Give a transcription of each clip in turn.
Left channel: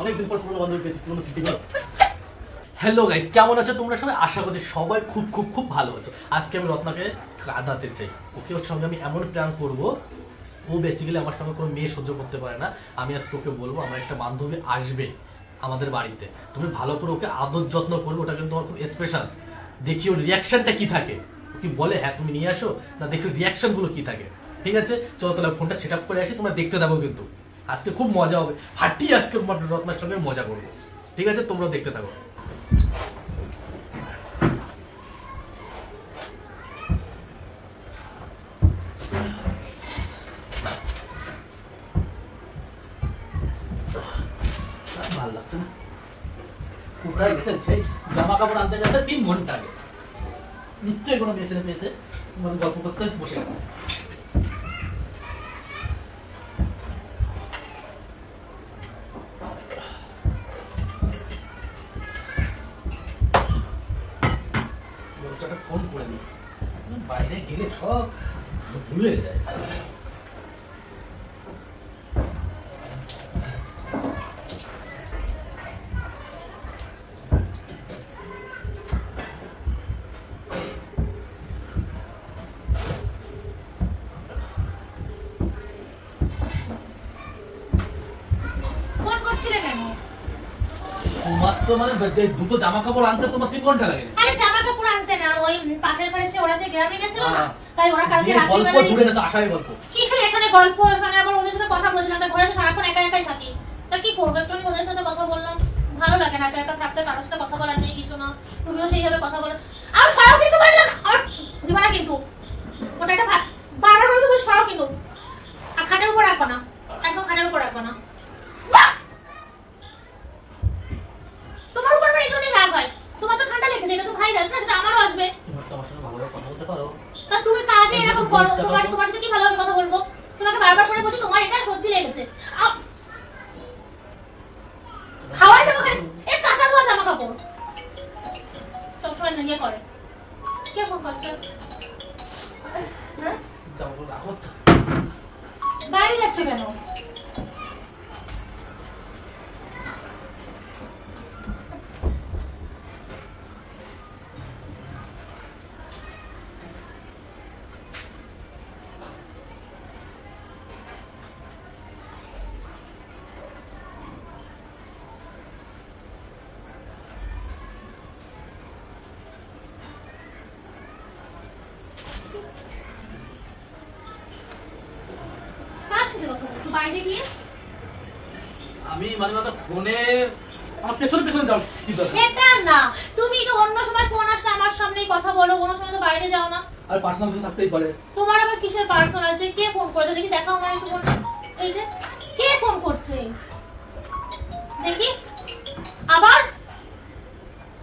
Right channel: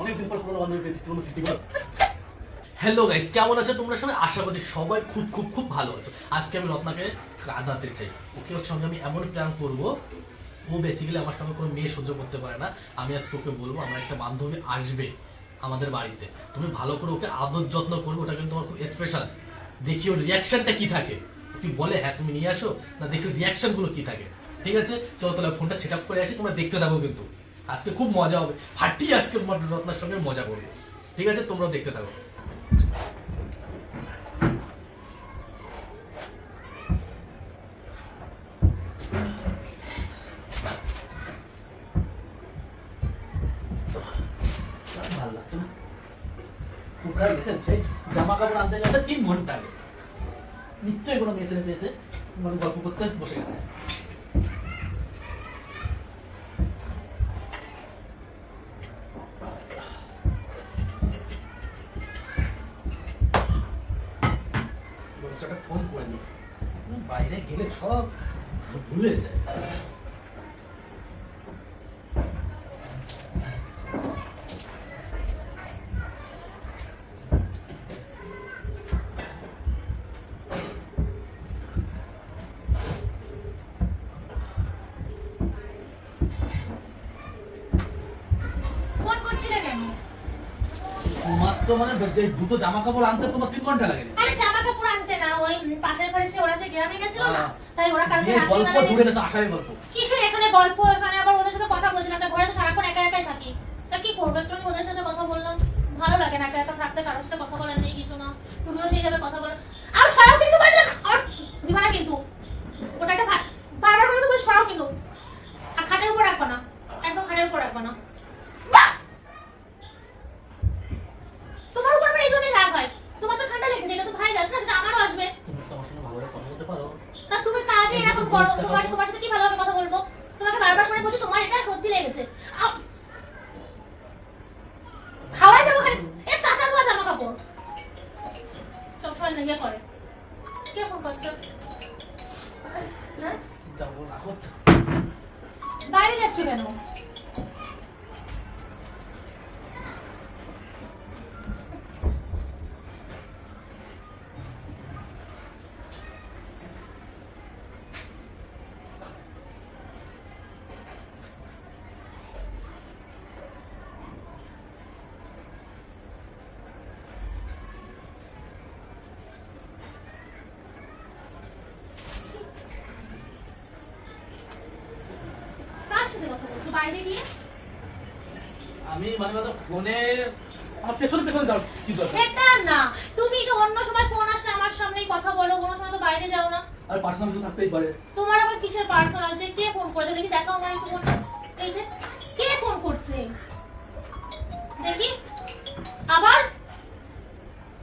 অনেকদিন পর পুরনো বান্ধবী পেয়েছি, পুরনো স্মৃতিগুলো। হ্যালো গাইস, কেমন আছো তোমরা সবাই? আশা করছি সবাই খুব খুব খুব ভালো আছো। আজকে আমি রত্নাকে কাঁদাতে চাই। ওকে ওর সঙ্গে আমি এমন প্ল্যান করবো, ও বেসিক্যালি আমার সঙ্গে কোনো মেয়ে সহ্য করতে পারে না। আমি আজকে ওকে বলবো আমার একটা বান্ধবী আসবে আমাদের বাড়িতে, তুমি ভালো করে ওকে আদর যত্ন করবে, ওটা কিন্তু তোমার খুব স্পেশাল। দেখি ওর রিয়াকশনটা কি থাকে। ও কি বলে হ্যাঁ তুমি নিয়ে আসো, না দেখি রিয়াকশন গুলো কি থাকে। ঠিক আছে, চলো তাহলে ফোনটা সেট আপ করে আসি, তোমরা দেখতে থাকো। কিন্তু আজকে খুব মজা হবে, হাঁটিয়ে আজকে রত্নার সঙ্গে মজা করবো। ঠিক আছে, তোমরাও দেখতে থাকো। ভালো লাগছে না, কোথায় গেছেন? সেই জামা কাপড় আনতে গেছে 3 ঘন্টা আগে। নিশ্চয়ই কোনো মেয়ে ছেলে পেয়েছে, গল্প করতে বসে গেছে। ফোন করে দিই, বাইরে গেলে সব ভুলে যায়। তোমার তো মানে দুটো জামা কাপড় আনতে তোমার 3 ঘন্টা লাগে। আরে জামা কাপড় আনতে না, ওই পাশের বাড়িতে ওরা যে গ্রামে গেছিল না, তাই ওরা কালকে রাতে গল্প জুড়ে গেছে, আশারই গল্প। কিসের এখানে গল্প? এখানে আবার ওদের সাথে কথা বলছিলাম, তাই ঘরে তো সারাক্ষণ একা একাই থাকি। তা কি করবো, একটু ওদের সাথে কথা বললাম। ভালো লাগে না একা একা থাকতে, কারোর সাথে কথা বলার নেই কিছু না। তুমিও সেইভাবে কথা বলো। আর সরাও কিন্তু বললাম, আর দিবা না কিন্তু। ওটা একটা বারবার করে তো বল সরাও কিন্তু। আর খাটের উপর রাখবা না, একদম খাটের উপর রাখবা না। তোমার উপর আমার এই জন্যই রাগ হয়। তোমার তো ঠান্ডা লেগেছে, এটা তো ভাইরাস না, সেটা আমারও আসবে। তুমি তো আমার সঙ্গে ভালোভাবে কথা বলতে পারো। তা তুমি কাজে এরকম করো, তোমার সাথে কি ভালোভাবে কথা বলবো? তোমাকে বারবার করে বলছি তোমার এটা সত্যি লেগেছে। খাওয়াই দেবো কেন? এ কাঁচা ধোয়া জামা কাপড় সবসময় নিয়ে করে। কে ফোন করছো? বাইরে যাচ্ছে কেন? বাইরে গিয়ে আমি মানে ফোনে আমার পেছনে পেছনে যাও কি দরকার? সেটা না, তুমি তো অন্য সময় ফোন আসলে আমার সামনেই কথা বলো, কোনো সময় তো বাইরে যাও না। আর পার্সোনাল কিছু থাকতেই পারে। তোমার আবার কিসের পার্সোনাল? যে কে ফোন করেছে দেখি, দেখাও আমার একটু ফোন। এই যে কে ফোন করছে দেখি। আবার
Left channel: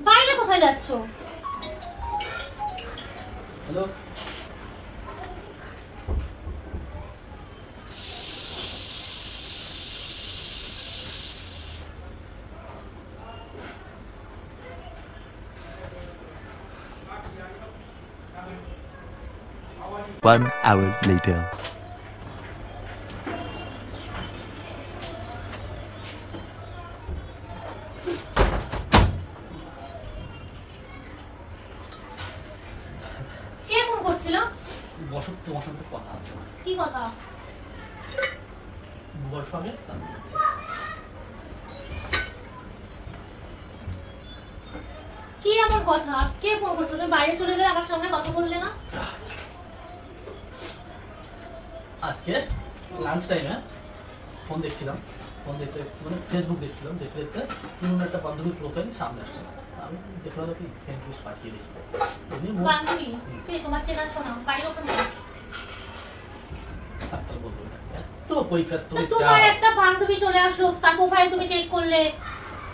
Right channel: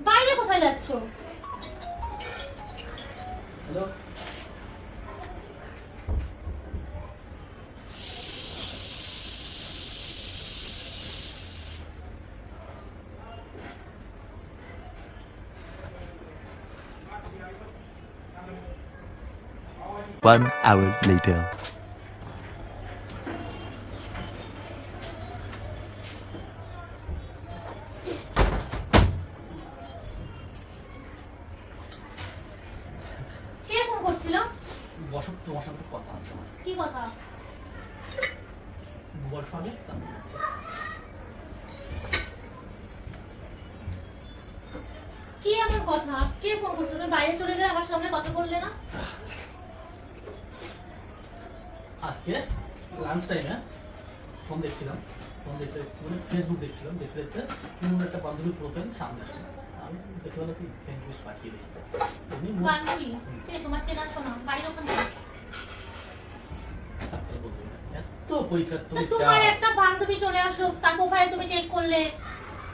বাইরে কোথায় যাচ্ছ? Hello, One hour later. কে ফোন করছিল? বসো, তোমার সঙ্গে কথা আছে। কি কথা? বুবার সঙ্গে কি এমন কথা? কে ফোন করছে? তুমি বাইরে চলে গেলে আমার সামনে কথা বললে না। আজকে লাঞ্চ টাইমে ফোন দেখছিলাম, ফোন দেখতে মানে ফেসবুক দেখছিলাম, দেখতে দেখতে পুরনো একটা বান্ধবীর প্রোফাইল সামনে আসলো। আমি দেখলাম কি ফ্রেন্ড লিস্ট পাঠিয়ে দেখি বান্ধবী কে? তোমার চেনা শোনা বাড়ির ওখানে? এত কৈফিয়ত তুমি চাও? তোমার একটা বান্ধবী চলে আসলো, তার প্রোফাইল তুমি চেক করলে,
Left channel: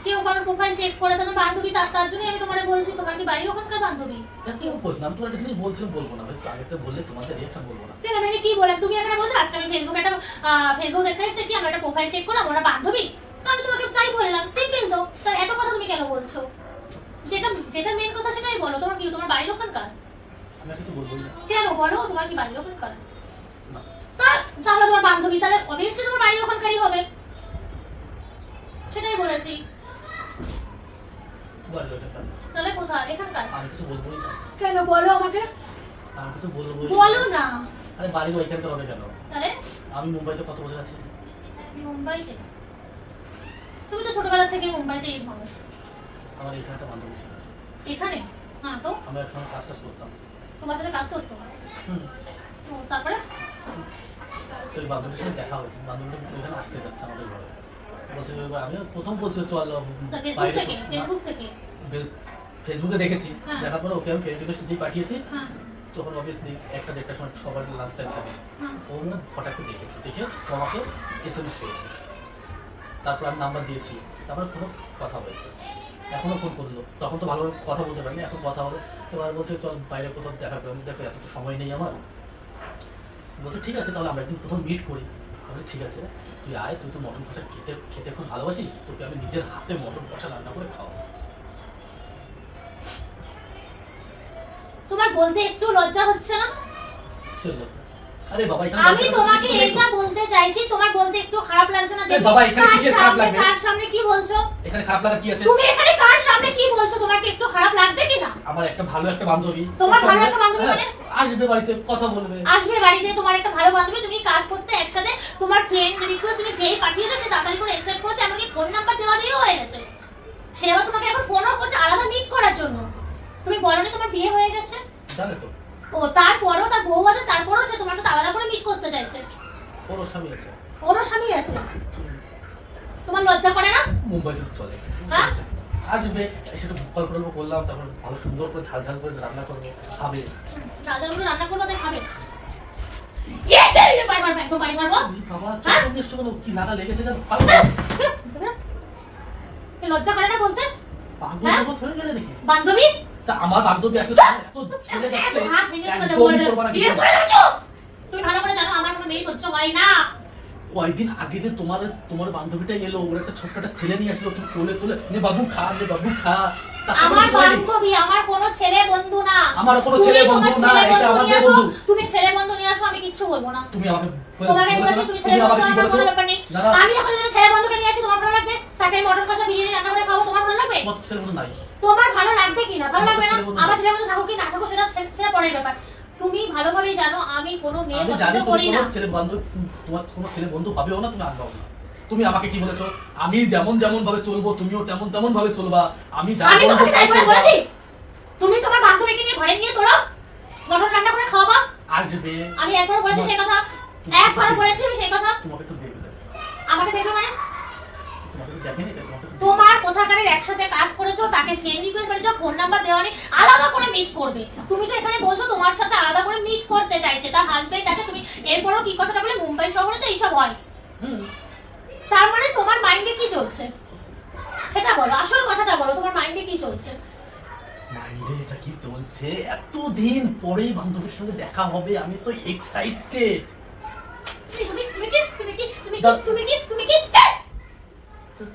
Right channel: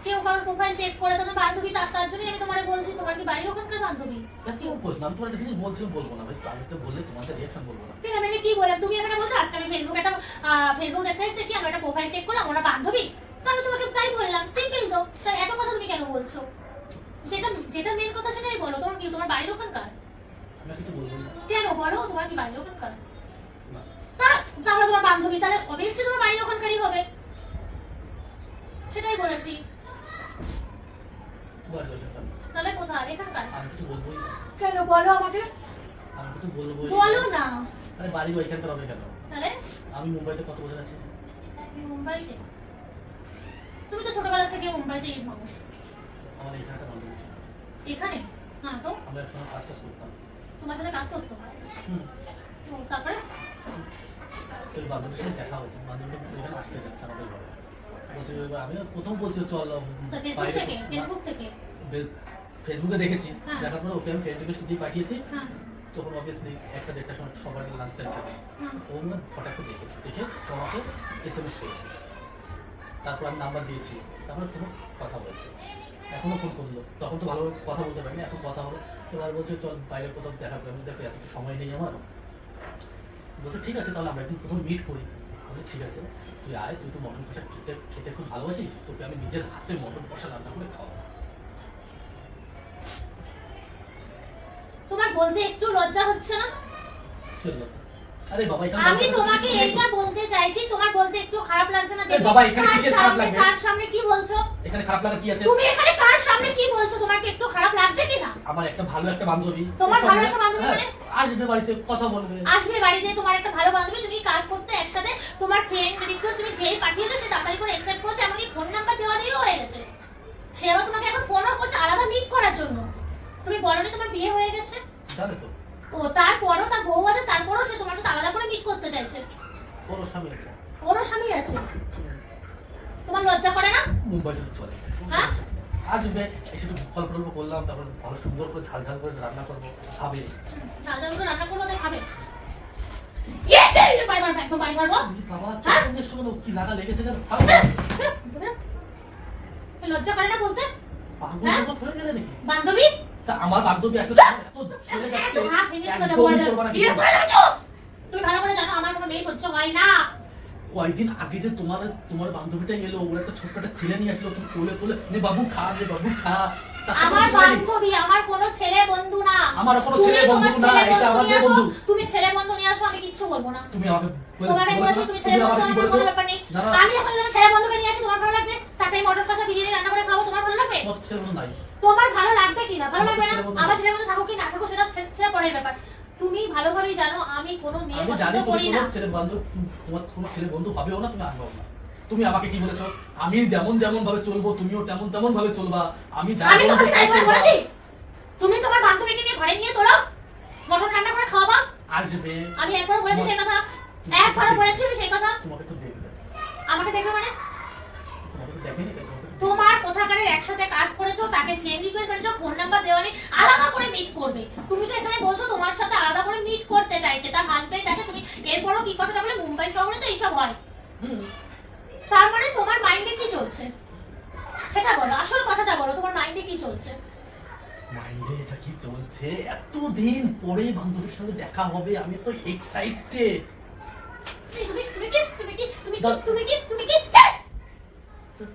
কেউ কারোর প্রোফাইল চেক করে তাদের বান্ধবী, তার জন্য আমি তোমারে বলছি তোমার কি বাড়ির ওখানকার বান্ধবী? কেউ বুঝলাম, তোমার একটা জিনিস বলছিলাম, বলবো না ভাই, আগে তো বললে তোমাদের রিঅ্যাকশন বলবো না। কেন আমি কি বললাম? তুমি এখানে বলছো আজকে আমি ফেসবুক দেখতে দেখতে কি আমরা একটা প্রোফাইল চেক করলাম, ওরা বান্ধবী, তো আমি তোমাকে তাই বললাম। সিম্পল তো, তাই এত কথা তুমি কেন বলছো? যেটা মেন কথা সেটাই বলো। তোমার কি তোমার বাড়ির ওখানকার? আমি কিছু বলবো না। কেন বলো, তোমার কি বাড়ির ওখানকার? তা জানো তোমার বান্ধবী, তাহলে অবভিয়াসলি তোমার বাড়ির ওখানকারই হবে। ভালোবাসি। বাড়ি এখানকার। তাহলে কোথায়? এখানকার? আমি কিছু বলবোই না। কেন বলো আমাকে? আমি কিছু বলবোই বলো না। আরে বাড়ি ওইখানকার হবে কেন? তাহলে আমি মুম্বাইতে কত বছর আছি। মুম্বাইতে? তুমি তো ছোটবেলা থেকে মুম্বাইতেই থাকো। আমার এখানে একটা বান্ধবী ছিল। এখানে? হ্যাঁ তো আমরা একসঙ্গে কাজ করতাম। তোমার সাথে কাজ করতো? হুম। তো তারপরে তো ওই বান্ধবীর সাথে দেখা হয়েছে, বান্ধবী এখানে আসতে চাচ্ছে আমাদের ঘরে। বলছে যে আমি প্রথম বলছি চল ফেসবুক বাইরে থেকে? ফেসবুক থেকে? ফেসবুকে দেখেছি, হ্যাঁ। দেখার পরে ওকে আমি ফ্রেন্ড রিকোয়েস্ট যে পাঠিয়েছি, হ্যাঁ তখন অবভিয়াসলি 1-1:30টার সময় সবার লাঞ্চ টাইম থাকে। হ্যাঁ। ও মানে হঠাৎ দেখেছি, দেখে ও আমাকে SMS করেছে। তারপর আমি নাম্বার দিয়েছি, তারপরে কোনো কথা বলছে, এখনো ফোন করলো। তখন তো ভালোভাবে কথা বলতে পারিনি, এখন কথা হলো। এবার বলছে চল বাইরে কোথাও দেখা করি। আমি দেখো এত তো সময় নেই আমার। বলছে ঠিক আছে তাহলে আমরা একদিন প্রথম মিট করি। বলছে ঠিক আছে তুই আয়, তুই তো মটন কষা খেতে খেতে খুব ভালোবাসিস, তোকে আমি নিজের হাতে মটন কষা রান্না করে খাওয়াবো। তোমার বলতে একটু লজ্জা হচ্ছে না? চলো। আরে বাবা এখানে আমি তোমাকে এটা বলতে চাইছি, তোমার বলতে একটু খারাপ লাগছে না যে বাবা এখানে কিসের খারাপ লাগবে? কার সামনে কি বলছো? এখানে খারাপ লাগা কি আছে? তুমি এখানে কার সামনে কি বলছো? তোমাকে একটু খারাপ লাগছে কি না? আমার একটা ভালো একটা বান্ধবী। তোমার ভালো একটা বান্ধবী হ্যাঁ, মানে? আসবে বাড়িতে কথা বলবে। আসবে বাড়িতে তোমার একটা ভালো বান্ধবী, তুমি কাজ করতে একসাথে, তোমার ফ্রেন্ড রিকোয়েস্ট তুমি যেই পাঠিয়েছো সে তাড়াতাড়ি করে অ্যাকসেপ্ট করেছে, এমনকি ফোন নাম্বার দেওয়া দিয়েও হয়ে গেছে। সে আবার তোমাকে এখন ফোনও করছে আলাদা মিট করার জন্য। তুমি বলনি তোমার বিয়ে হয়ে গেছে? জানে তো ও তারপরও তার বউ আছে, তারপরও সে তোমার সাথে আলাদা করে মিট করতে চাইছে। ওরও স্বামী আছে। ওরও স্বামী আছে। তোমার লজ্জা করে না? মুম্বাইতে তো চলে। হ্যাঁ? আসবে এসে গল্প টল্প করলাম, তারপর ভালো সুন্দর করে ঝাল ঝাল করে রান্না করবো, খাবে। দাদাগুলো রান্না করবো তাই খাবে। বাড়ি মারবো, একদম বাড়ি মারবো। বাবা হ্যাঁ? চোখ নিশ্চয় কোনো কি লাগা লেগেছে জানো? লজ্জা করে না বলতে? পাগল হ্যাঁ? টাগল হয়ে গেলে নাকি? বান্ধবী? তা আমার বান্ধবী আসলে এত চলে যাচ্ছে, হাত ভেঙে চলে যাবো, একদমই করবো না কিছু। বিয়ে করে যাচ্ছো। তুমি ভালো করে জানো আমার কোনো মেয়ে সহ্য হয় না। কয়েকদিন আগে যে তোমার বান্ধবীটা এলো, ওর একটা ছোট্ট একটা ছেলে নিয়ে আসলো, তুমি কোলে কোলে নে বাবু খা, নে বাবু খা। তারপর আমার কিছু হয়নি? বান্ধবী, আমার কোনো ছেলে বন্ধু না। আমারও কোনো তুমি ছেলে তোমার বন্ধু না, ছেলে এটা বন্ধু আমাদের নিয়ে আসো, বন্ধু। তুমি ছেলে বন্ধু নিয়ে আসো, আমি কিচ্ছু বলবো না। তুমি আমাকে তোমাকে বলেছো বলেছি না? তুমি ছেলে তুমি বন্ধু, আমাকে কি আমার বলেছো? কোনো ব্যাপার নেই। দাঁড়াও। আমি যখন তোমার ছেলে বন্ধুকে নিয়ে আসি তোমার ভালো লাগবে? তাকে মটন কষা বিরিয়ানি রান্না করে খাবো, তোমার ভালো লাগবে? তোমার তো ছেলে বন্ধু নাই। তোমার ভালো লাগবে কি না? ভালো আমার তো লাগবে না? ছেলে বন্ধু আমার নাই। ছেলে বন্ধু থাকো কি না থাকো সেটা সেটা পরের ব্যাপার। তুমি ভালোভাবেই জানো আমি কোনো মেয়ে আমি পছন্দ জানি তুমি করি না। কোনো ছেলে বন্ধু, তোমার কোনো ছেলে বন্ধু হবেও না, তুমি আনবাও না। তুমি আমাকে কি বলেছো? আমি যেমন যেমন ভাবে চলবো তুমিও তেমন তেমন ভাবে চলবা। আমি যা আমি বলবো তোমাকে তাই তাই করে করবা। বলেছি? তুমি তোমার বান্ধবীকে নিয়ে ঘরে নিয়ে তোলো, মটন রান্না করে খাওয়াবা। আসবে। আমি একবার বলেছি সেই কথা, একবার বলেছি আমি সেই কথা। তোমাকে একটু দেখবে, আমাকে দেখবে মানে? তোমাকে তো দেখেনি তাই তোমাকে একটু দেখবে। তোমার কোথাকারের একসাথে কাজ করেছো, তাকে ফ্রেন্ড রিকোয়েস্ট করেছো, ফোন নাম্বার দেওয়া নেই, আলাদা করে মিট করবে। তুমি তো এখানে বলছো তোমার সাথে আলাদা করে মিট করতে চাইছে, তার হাজবেন্ড আছে। তুমি এরপরও কি কথাটা বলে মুম্বাই শহরে তো এইসব হয়। হুম। তার মানে তোমার মাইন্ডে কি চলছে সেটা বলো, আসল কথাটা বলো, তোমার মাইন্ডে কি চলছে? মাইন্ডে যা কি চলছে, এতদিন পরে বান্ধবীর সঙ্গে দেখা হবে, আমি তো এক্সাইটেড। তুমি তুমি কি তুমি কি তুমি কি দাও। তুমি কি তুমি কি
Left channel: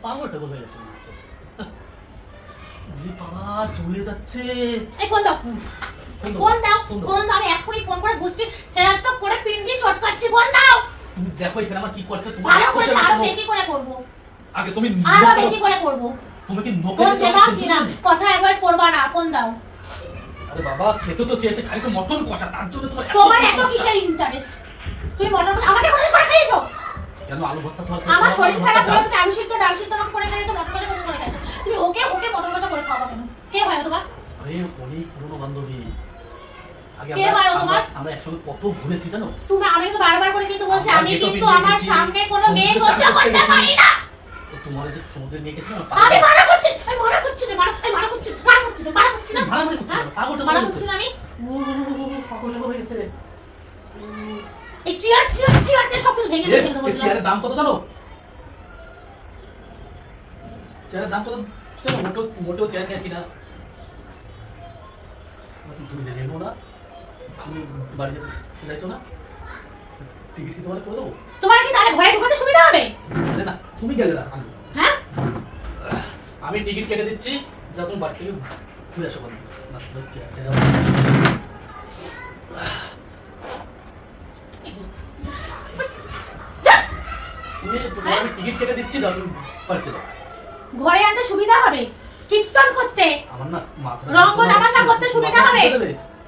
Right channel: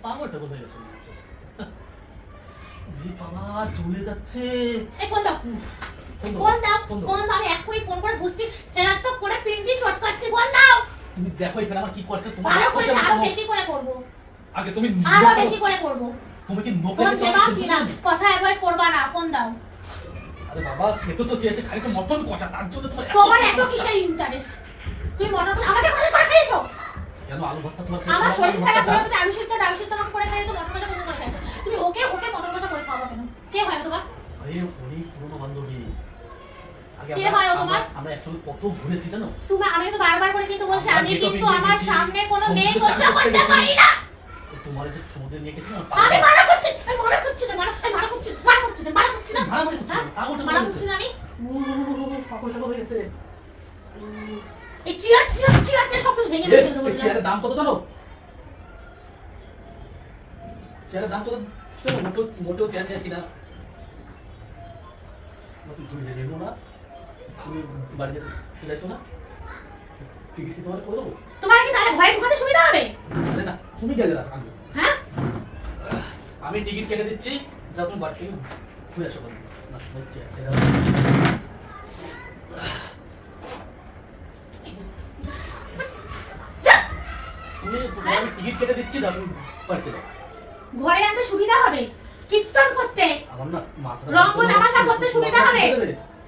পাগল টাগল হয়ে গেছে মনে হচ্ছে। বাবা চলে যাচ্ছে। এই ফোন দাও, ফোন দাও, ফোন দাও, ফোন দাও। ফোন দাও। আমি এখনই ফোন করে গুষ্টি সেরাত্মক করে পিঞ্জি চটকাচ্ছি। ফোন দাও। তুমি দেখো এখানে আমার কি করছে, তোমার ভালো করে কোশ্চেন আরো করো। বেশি করে করবো, আগে তুমি আরো বেশি করে করবো। তুমি কি নোকে ফোন খেতে চেপাও আমাকে কিনা, খেতে? কথা অ্যাভয়েড করবা না। ফোন দাও। আরে বাবা খেতে তো চেয়েছে, খালি তো মটন কষা, তার জন্য তোমার তোমার এত কিসের ইন্টারেস্ট? তুমি মটন আমাকে করে করে খাইছো? কেন আলু ভর্তা তোমার আমার খাওয়া শরীর আলু খারাপ ভর্তা হলে তুমি আলু সিদ্ধ ডাল সিদ্ধ আমাকে করে খাইছো, মটন কষা করে খাইছো। তুমি ওকে ওকে মটন কষা করে খাওয়া কেন? কে হয় তোমার? আরে অনেক পুরনো বান্ধবী। আগে কে হয় ও তোমার? আমরা একসঙ্গে কত ঘুরেছি জানো? তুমি আমি তো বারবার করে কিন্তু বলছি আমরা আমি গেটও কিন্তু পেরিয়ে আমার গেছি, সামনে কোনো মেয়ে সমুদ্রে সহ্য চান করতে করতে গেছি। পারি না। তোমার যে সমুদ্রে নিয়ে গেছিলাম আমি মানা করছি, আমি মানা করছি না, মানা এই মানা করছি, মানা করছি না, মানা করছি না। মারামারি করছি না, পাগল টাগল মানা হয়ে করছি গেছে। না আমি। পাগল টাগল হয়ে গেছে। এই চেয়ারটা সব কিছু ভেঙে ফেলতে এই বললাম। চেয়ারের দাম কত জানো? চেয়ারের দাম কত জানো? মোটেও চেয়ার নিয়ে কিনা। তুমি নেবো না, তুমি বাড়িতে চলে যাচ্ছ না, টিকিট কি তোমার করে দেবো? তোমার কি তাহলে ঘরে ঢোকাতে সুবিধা হবে? আরে না তুমি গেলে না, হ্যাঁ? আমি টিকিট কেটে দিচ্ছি, যা তুমি বাড়ি থেকে ঘুরে আসো। না হচ্ছে তুমি তোমার আমি টিকিট কেটে দিচ্ছি, যা তুমি বাড়িতে যাও। ঘরে আনতে সুবিধা হবে, কীর্তন করতে, আমার না মাথাটা রঙ্গ তামাশা করতে সুবিধা হবে।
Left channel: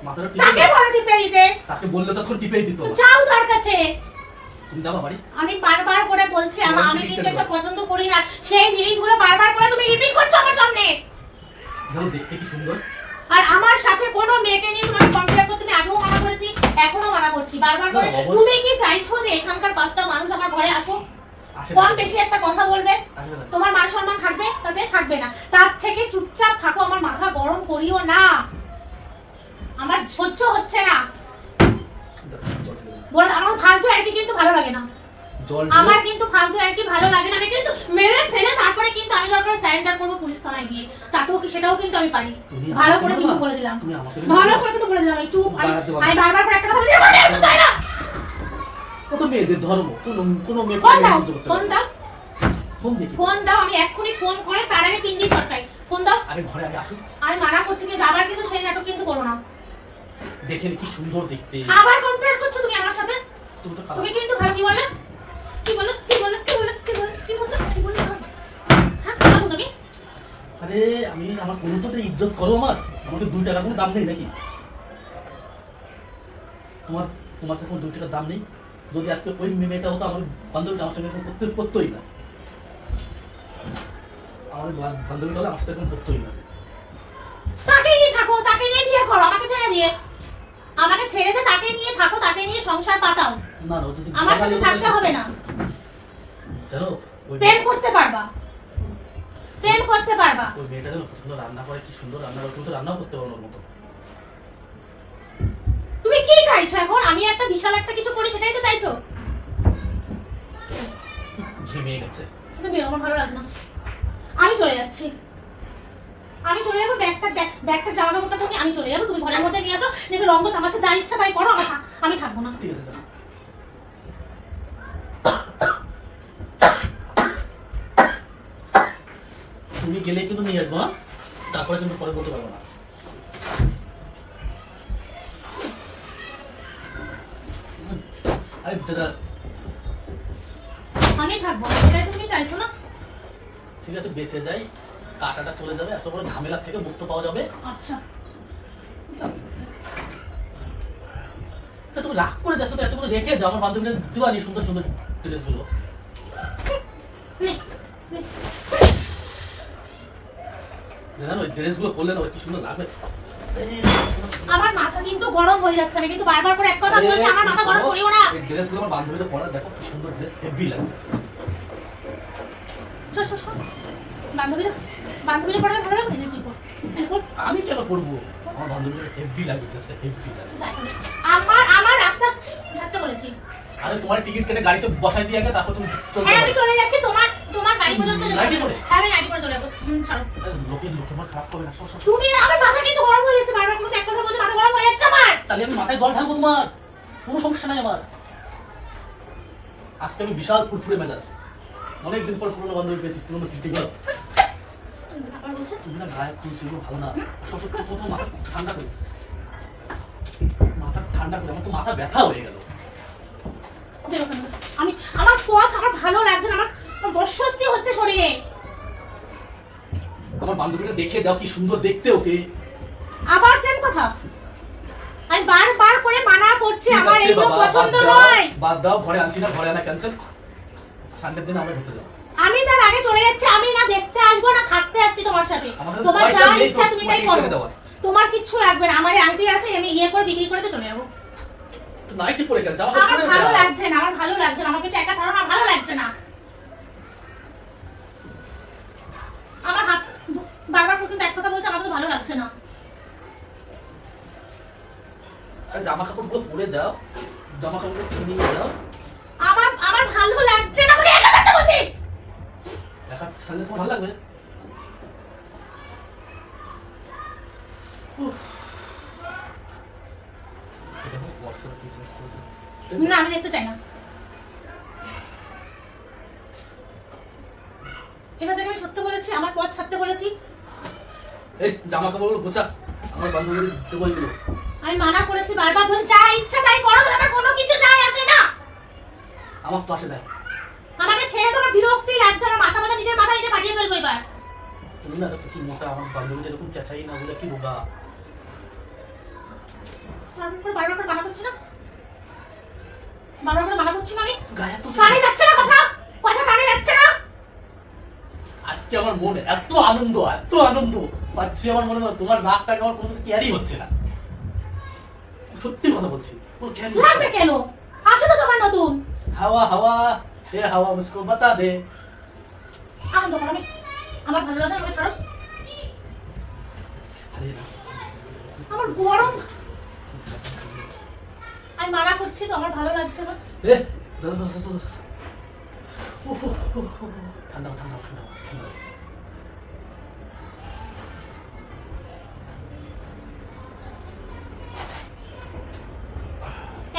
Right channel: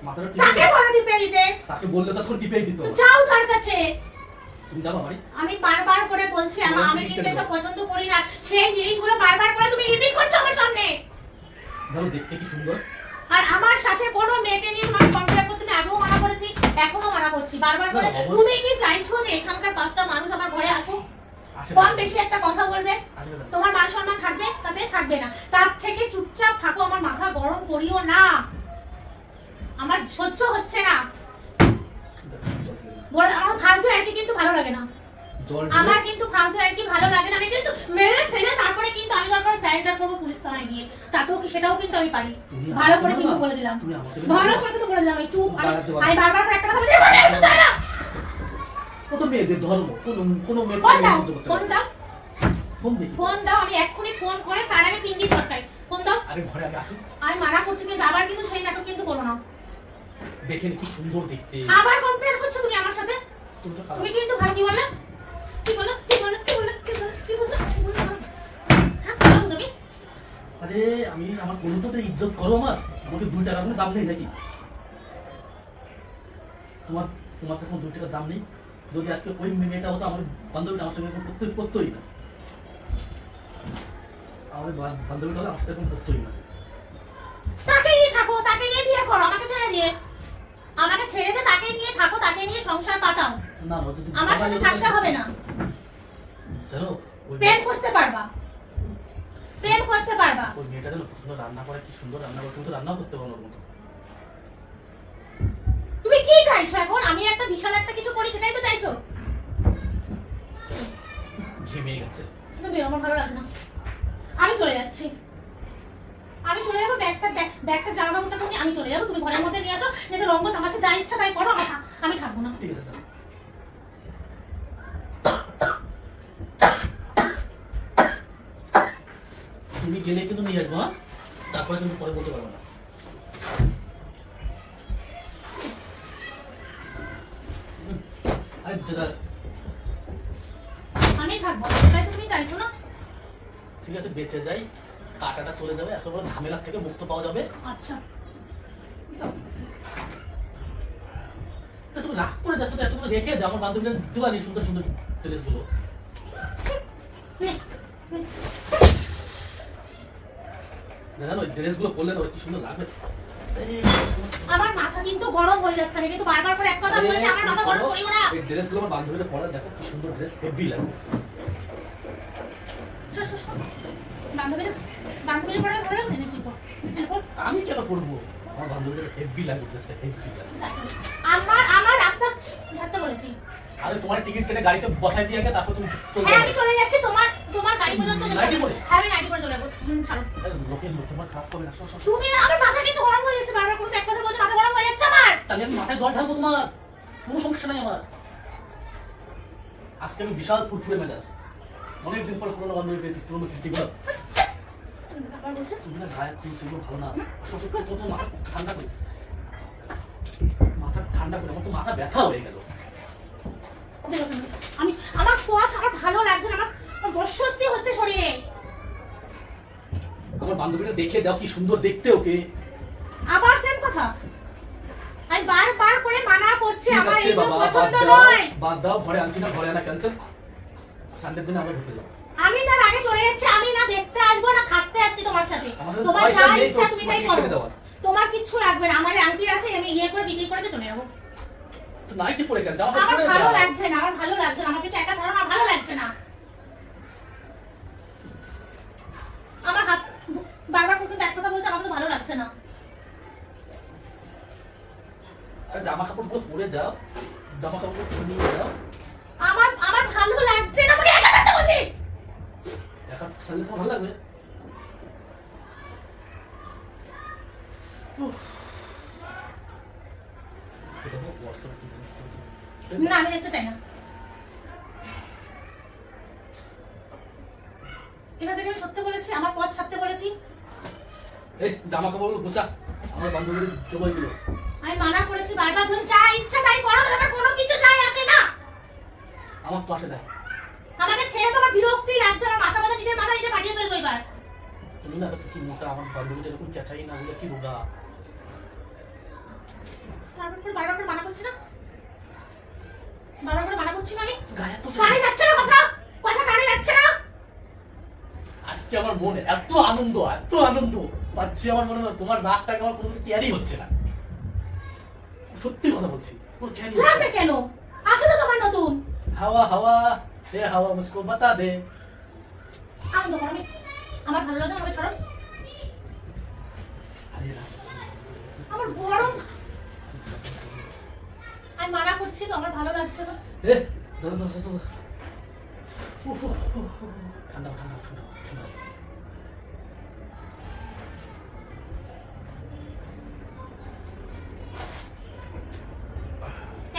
মাথাটা তাকে বলে টিপে দিতে, তাকে বললে তখন টিপেই দিত। যাও তার কাছে। তুমি যাবা বাড়ি? আমি বারবার করে বলছি আমি কিন্তু এসব পছন্দ করি না, সেই জিনিসগুলো বারবার করে তুমি রিপিট করছো আমার সামনে। জানো দেখতে কি সুন্দর। আর আমার সাথে কোনো মেয়েকে নিয়ে তোমাকে কম্পেয়ার করতে আমি আগেও মানা করেছি, এখনো মানা করছি বারবার করে। তুমি কি চাইছো যে এখানকার 5টা মানুষ আমার ঘরে আসুক, কম বেশি একটা কথা বলবে, তোমার মান সম্মান থাকবে? তাতে থাকবে না। তার থেকে চুপচাপ থাকো, আমার মাথা গরম করিও না, আমার সহ্য হচ্ছে না। বল, আমার ফালতু আর কি কিন্তু ভালো লাগে না, আমার কিন্তু ফালতু আর কি ভালো লাগে না। আমি কিন্তু মেরে ফেলে তারপরে কিন্তু আমি দরকার সারেন্ডার করবো পুলিশ থানায় গিয়ে, তাতেও কি সেটাও কিন্তু আমি পারি। ভালো করে কিন্তু বলে দিলাম, ভালো করে কিন্তু বলে দিলাম। আমি চুপ, আমি বারবার করে একটা কথা বলছি, মনে আসতে চাই না। কত মেয়েদের ধর্ম, কোন মেয়ে ফোন দাও, ফোন দেখি, ফোন দাও। আমি এক্ষুনি ফোন করে তার আগে পিন দিয়ে চটকাই। ফোন দাও। আরে ঘরে আমি আসুন। আমি মানা করছি কিন্তু আবার কিন্তু সেই নাটক কিন্তু করো না। দেখেন কি সুন্দর দেখতে। আবার কম্পেয়ার করছো তুমি আমার সাথে। তুমি কিন্তু ভাই কি বললে, কি বললে, কি বললে, কি বললে, কি বললে, কি বললে, কি বললে? হ্যাঁ বলো তুমি। আরে আমি আমার কোনো তো ইজ্জত করো, আমাকে 2 টাকা কোনো দাম নেই নাকি? তোমার কাছে 2 টাকার দাম নেই? যদি আজকে ওই মেয়েটা হতো আমার বান্ধবীটা, আমার সঙ্গে করতোই না। আমার বান্ধবীটা হলে আমার সাথে এখন করতোই না। তাকে নিয়ে থাকো, তাকে নিয়ে বিয়ে করো, আমাকে ছেড়ে দিয়ে। আমাকে ছেড়ে দিয়ে তাকে নিয়ে থাকো, তাকে নিয়ে সংসার পাতাও। না না, যদি আমার সাথে থাকতে হবে না। জানো প্রেম করতে পারবা, প্রেম করতে পারবা। ওই মেয়েটা যেন সুন্দর রান্না করে, কি সুন্দর রান্না করে, তুমি তো রান্নাও করতে পারো ওর মতো। তুমি কি চাইছো এখন? আমি একটা বিশাল একটা কিছু করি, সেটাই তো চাইছো? ঘেমে গেছে। তুমি বেরো, আমার ভালো লাগছে না। আমি চলে যাচ্ছি, আমি চলে যাবো। ব্যাগটা জামা কাপড়টা তুমি আমি চলে যাবো, তুমি ঘরের মধ্যে নিয়ে আসো, নাকি রঙ্গ তামাশা যা ইচ্ছা তাই করো, আমি থাকবো না। ঠিক আছে, তুমি গেলে কিন্তু নিয়ে আসবো, তারপরে কিন্তু পরে বলতে পারবো না। আমি থাকবো, সেটাই তুমি চাইছো না? ঠিক আছে, বেঁচে যাই, কাটাটা চলে যাবে, এত বড় ঝামেলার থেকে মুক্ত পাওয়া যাবে। আচ্ছা তুমি রাগ করে যাচ্ছ তো, এতগুলো রেখে যাও। আমার বান্ধবীরা দিওয়ানি সুন্দর সুন্দর ড্রেসগুলো। জানো ওই ড্রেসগুলো পরলে না কি সুন্দর লাগবে। আমার মাথা কিন্তু গরম হয়ে যাচ্ছে, আমি কিন্তু বারবার করে এক কথা বলছি, আমার মাথা গরম করিও না। এই ড্রেসগুলো আমার বান্ধবীরা পরা, দেখো কি সুন্দর ড্রেস, হেভি লাগবে। বান্ধবীরা পরে ভালো লাগবে না? তুই পর, আমি কেন করবো? আমার বান্ধবীরা হেভি লাগবে, ড্রেসটা হেভি লাগবে। আমার রাস্তা ছাড়তে বলেছি। আরে তোমার টিকিট কেটে গাড়িতে বসাই দিয়ে আগে, তারপর তুমি চলতে হ্যাঁ আমি পারো। চলে যাচ্ছি, তোমার গাড়ি পর্যন্ত যাবো। গাড়ি করে? হ্যাঁ আমি গাড়ি করে চলে যাবো। ছাড়ো। লোকের আমার খারাপ করবে না। তুমি আমার মাথা কিন্তু গরম হয়ে যাচ্ছে, বারবার করে এক কথা বলছো, মাথা গরম হয়ে যাচ্ছে আমার। তাহলে আমি মাথায় জল ঢালবো তোমার, কোনো সমস্যা নাই আমার। আজকে আমি বিশাল ফুরফুরে মেজাজ, অনেকদিন পর পুরোনো বান্ধবী পেয়েছি, পুরোনো স্মৃতিগুলো। তুমি না গায়ে তুমি ছিল ভালো না, মাথা ঠান্ডা করে, মাথা ঠান্ডা করে, আমার তো মাথা ব্যথা হয়ে গেল। আমি আমার পথ আমার ভালো লাগছে না, আমার অস্বস্তি হচ্ছে শরীরে। আমার বান্ধবীটা দেখে যাও কি সুন্দর দেখতে ওকে। আবার সেম কথা, আমি বারবার করে মানা করছি, আমার এইগুলো পছন্দ নয়। বাদ দাও, ঘরে আনছি না, ঘরে আনা ক্যান্সেল। সানডের দিন আমরা ঘুরতে যাবো। আমি তার আগে চলে যাচ্ছি, আমি না দেখতে আসবো না থাকতে আসছি তোমার সাথে। তোমার যা ইচ্ছা তুমি তাই করো, তোমার কিচ্ছু লাগবে না। আমার আংটি আছে, আমি ইয়ে করে বিক্রি করে চলে যাবো। নাইটি পরে কেন যাও? আমার ভালো লাগছে না, আমার ভালো লাগছে না, আমাকে একা ছাড়ো, আমার ভালো লাগছে না। আমার হাত বারবার করে কিন্তু এক কথা বলছে, আমার তো ভালো লাগছে না। আরে জামা কাপড়গুলো পরে যাও, জামা কাপড় নিয়ে যাও। আমার ভালো লাগছে না, আমাকে একা থাকতে বলছি। একা থাকলে তোমার ভালো লাগবে? না আমি দেখতে চাই না। এবার থেকে আমি সত্যি বলেছি, আমার পথ ছাড়তে বলেছি। এই জামা কাপড়গুলো গোছা, আমার বান্ধবীর জোগাইগুলো। আমি মানা করেছি, বারবার বলছি যা ইচ্ছা তাই করো, আমার কোনো কিছু যায় আসে না। আমার তো আসে না। আমাকে ছেড়ে তোমার বিরক্তি লাগছে, আমার মাথা নিজের মাথা নিজে পাঠিয়ে ফেলবো এবার। তুমি না দেখছো কি মোটা, আমার বান্ধবীটা এরকম চেঁচাই না বলে কি রোগা। বারবার করে মানা করছি না, বারবার করে মানা করছি না আমি। গায়ে তো কানে যাচ্ছে না কথা, কথা কানে যাচ্ছে না। আজকে আমার মনে এত আনন্দ পাচ্ছি, আমার মনে হয় তোমার নাকটাকে আমার কোনো কিছু ক্যারি হচ্ছে না। সত্যি কথা বলছি, পুরো ক্যারি হচ্ছে লাগবে না। কেন? আছে তো তোমার নতুন হাওয়া হাওয়া এ হাওয়া মুঝকো বাতা দে। আনন্দ করো, আমি আমার ভালো লাগে, আমাকে ছাড়ো। আরে না, আমার গরম, আমি মানা করছি তো, আমার ভালো লাগছে না। এ দাদা দাদা দাদা, ঠান্ডা ঠান্ডা ঠান্ডা ঠান্ডা।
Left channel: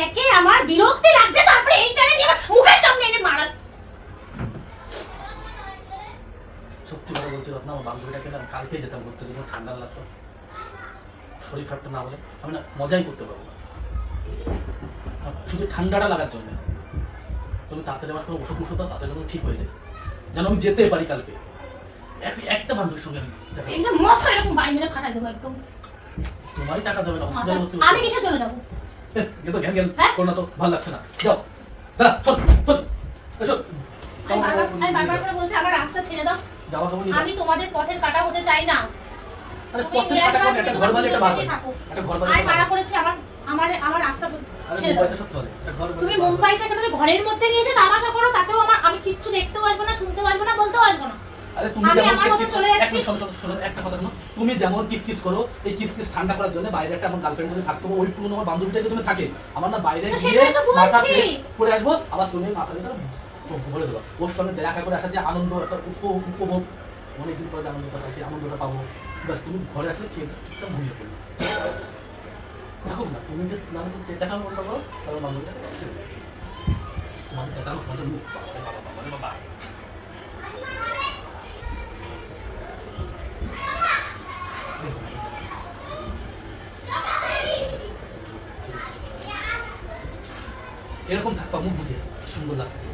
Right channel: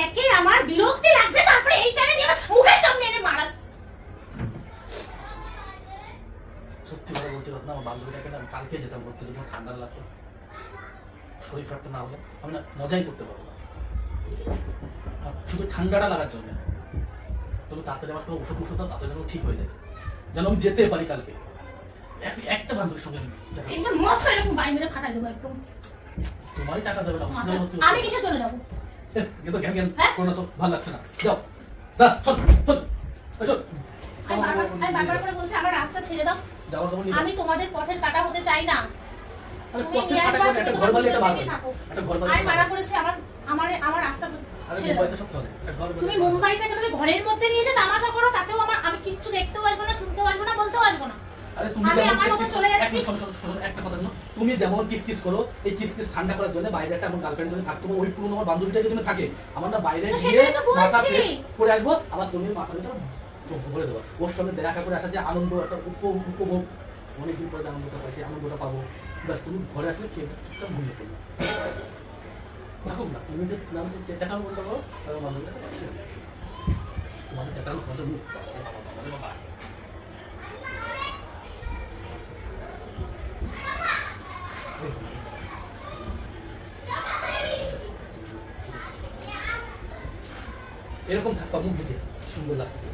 একে আমার বিরক্তি লাগছে, তারপরে এই জায়গায় নিয়ে আমার মুখের সামনে এনে মারাচ্ছে। সত্যি কথা বলছি রত্না, আমার বান্ধবীটাকে না আমি কালকে যেতাম করতে, যদি আমার ঠান্ডা লাগতো, শরীর খারাপটা না হলে আমি না মজাই করতে পারবো না। আর শুধু ঠান্ডাটা লাগার জন্য তুমি তাড়াতাড়ি আমার কোনো ওষুধ মুষুধ দাও, তাড়াতাড়ি যেন ঠিক হয়ে যায়, যেন আমি যেতে পারি কালকে। একটা বান্ধবীর সঙ্গে আমি যাবো। একদম মাথা এরকম বাড়ি মেরে ফাটাই দেবো একদম। তোমারই টাকা যাবে না, হসপিটালে ভর্তি আমি কিসে চলে যাবো? এ তো জ্ঞান জ্ঞান হ্যাঁ? করো না তো, ভালো লাগছে না, যাও না শোন শোন শোন, আমি বারবার করে বলছি আমার রাস্তা ছেড়ে দাও। জামা কাপড় নিয়ে আমি তোমাদের পথের কাটা হতে চাই না। আরে তুমি পথের একবার কাটা একটা ঘর বানিয়ে একটা ভালো থাকো। একটা ঘর আমি বানিয়ে মানা করেছি আমার আমার আমার রাস্তা ছেড়ে দাও। মুম্বাইতে সব চলে, একটা ঘর তুমি বানিয়ে- মুম্বাই থেকে তুমি ঘরের মধ্যে নিয়ে এসে তামাশা করো, তাতেও আমি কিচ্ছু দেখতেও আসবো না, শুনতেও আসবো না, বলতেও আসবো না। আরে তুমি আমি যেমন আমার মতো কিসকিস চলে যাচ্ছি। শোনো শোনো শোনো একটা কথা শোনো, তুমি যেমন কিসকিস করো, এই কিসকিস ঠান্ডা করার জন্য বাইরে একটা আমার গার্লফ্রেন্ড যদি থাকতো, ওই পুরনো আমার বান্ধবীটা যদি থাকে, আমার না বাইরে তো গিয়ে সেটাই তো বলছি। মাথা ফ্রেশ করে আসবো, আবার তুমি মাথা ভিতরে বলে দেবো, ওর সঙ্গে দেখা করে আসার যে আনন্দ, একটা উপভোগ, অনেকদিন পরে যে আনন্দটা পাই সেই আনন্দটা পাবো, বাস তুমি ঘরে আসলে খেয়ে চুপচাপ ঘুমিয়ে পড়বে। দেখো না, তুমি যে নাম চেঁচানো বলতে পারো, তার বান্ধবীটাকে ছেড়ে দিচ্ছি, তোমাদের চেঁচানো তোমাদের মুখ বাবা। এরকম থাকতো মুখ বুঝে, কি সুন্দর লাগছে।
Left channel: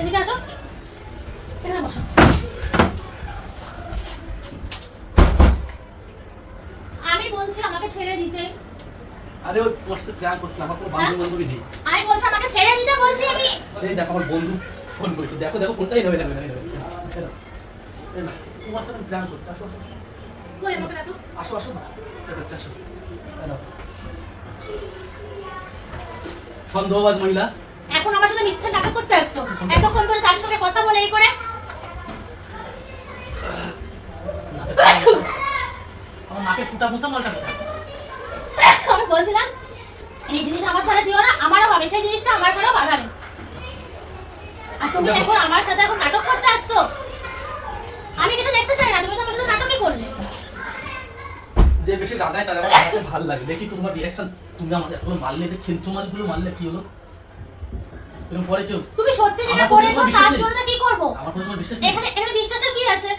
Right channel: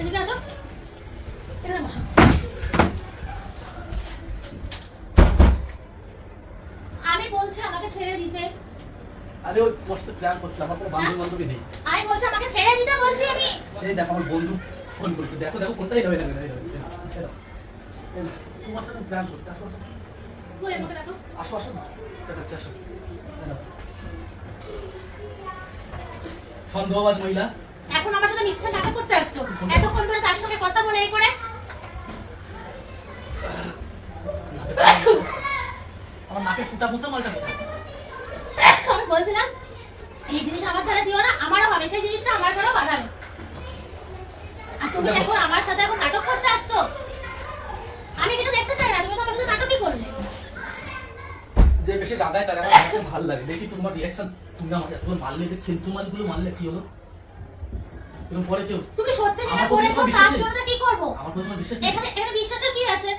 এদিকে আসো, এখানে বসো। আমি বলছি আমাকে ছেড়ে দিতে। আরে ওই তোমার সাথে প্ল্যান করছে, আমার কোনো বান্ধবী বান্ধবী নেই। আমি বলছি আমাকে ছেড়ে দিতে, বলছি আমি। এই দেখো আমার বন্ধু ফোন করেছে, দেখো দেখো ফোনটাই নেবে নেবে নেবে, তোমার সাথে প্ল্যান করছে, আসো আসো কই আমাকে দেখো। আসো আসো না, আসো এই নাও। সন্দেহবাজ মহিলা, এখন আমার সাথে মিথ্যা নাটক করতে আসছো, এতক্ষণ ধরে তার সঙ্গে কথা বলে এই করে। আমার নাকে ফুটা মোছা মালটা কোথায়? আমি বলছিলাম এই জিনিস আমার দ্বারা দিও না, আমারও হবে সেই জিনিসটা, আমার দ্বারা বাধা নেই। আর তুমি এখন আমার সাথে এখন নাটক করতে আসছো, আমি কিছু দেখতে চাই না, তুমি তো আমার সাথে নাটকই করলে। যে বেশি রাগায় তার আমার ভালো লাগে, দেখি তোমার রিয়াকশন। তুমি আমার এতগুলো মারলে, যে খেলছো মালগুলো মারলে কি হলো? এরকম পরে কেউ তুমি সত্যি যেটা আমার প্রতি করেছো তোমার বিশ্বাস তার নেই? জন্য কি করব? আমার প্রতি তোমার বিশ্বাস নেই? এখানে এখানে বিশ্বাসের কি আছে?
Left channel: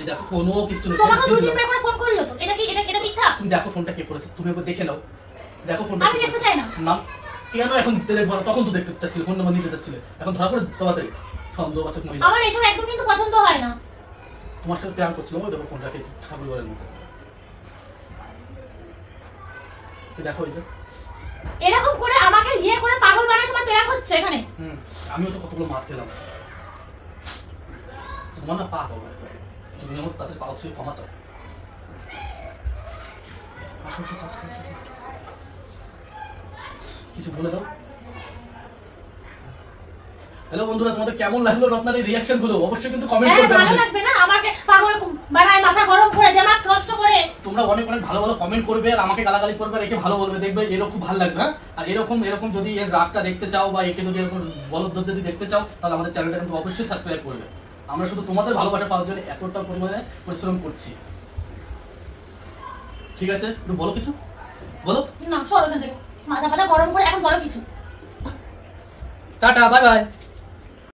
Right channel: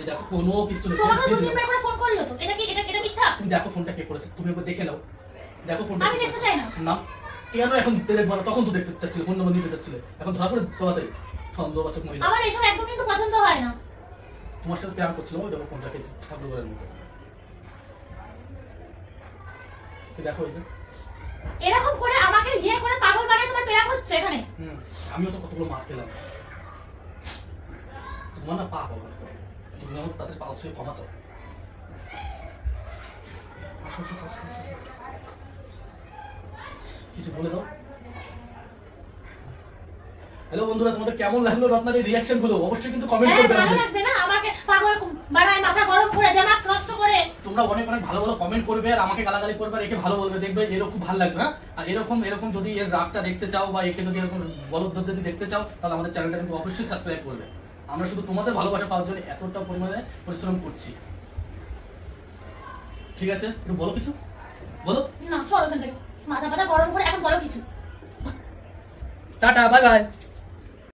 এই দেখো কোনো কিছু নেই, তোমাকে দুই দিন করে ফোন করলো তো, এটা কি এটা মিথ্যা? তুমি দেখো ফোনটা কে করেছে, তুমি একবার দেখে নাও, দেখো ফোনটা। আমি দেখতে চাই না। না কেন এখন দেখবো না? তখন তো দেখতে চাচ্ছিলে, কোন নম্বর নিতে চাচ্ছিলে, এখন ধরা পড়ে তাড়াতাড়ি। সন্দেহবাচক মহিলা, আমার এসব একদম কিন্তু পছন্দ হয় না। তোমার সাথে প্ল্যান করছিলাম, ওই দেখো ফোনটা খেয়েছি ঠাকুরের মতো। দেখো এই যে এরকম করে আমাকে ইয়ে করে পাগল বানিয়ে তোমার প্রেম হচ্ছে এখানে। আমিও তো কতগুলো মার খেলাম, তোমার না পা পাবো, তুমি আমার তাদের পা ছুঁয়ে ক্ষমা চাও। আসো, আসো, আসো, আসো, আসো। কিছু বলে দাও। হ্যালো বন্ধুরা, তোমাদের কেমন লাগলো রত্নার এই রিয়াকশন গুলো? অবশ্যই কিন্তু কমেন্ট হ্যাঁ, করবে ভালো আমাদের। লাগবে না? আমাকে পাগল বানায়, মাথা গরম করে, দিমাগ নষ্ট করে। তোমরা অনেক অনেক ভালো ভালো কমেন্ট করবে, আর আমাকে গালাগালি করবে, আর একে ভালো বলবে, দেখবে এরকম খুব ভালো লাগবে। হ্যাঁ, আর এরকম যদি এর রাগটা দেখতে চাও, বা একে যদি এরকম বলদ যদি দেখতে চাও, তাহলে আমাদের চ্যানেলটা কিন্তু অবশ্যই সাবস্ক্রাইব করবে। আমরা শুধু তোমাদের ভালোবাসা পাওয়ার জন্য এতটা পরিমাণে পরিশ্রম করছি। ঠিক আছে, একটু বলো কিছু, বলো। না, সর ওখান থেকে। মাথা গরম করে এখন বলো কিছু। Tata, bye bye.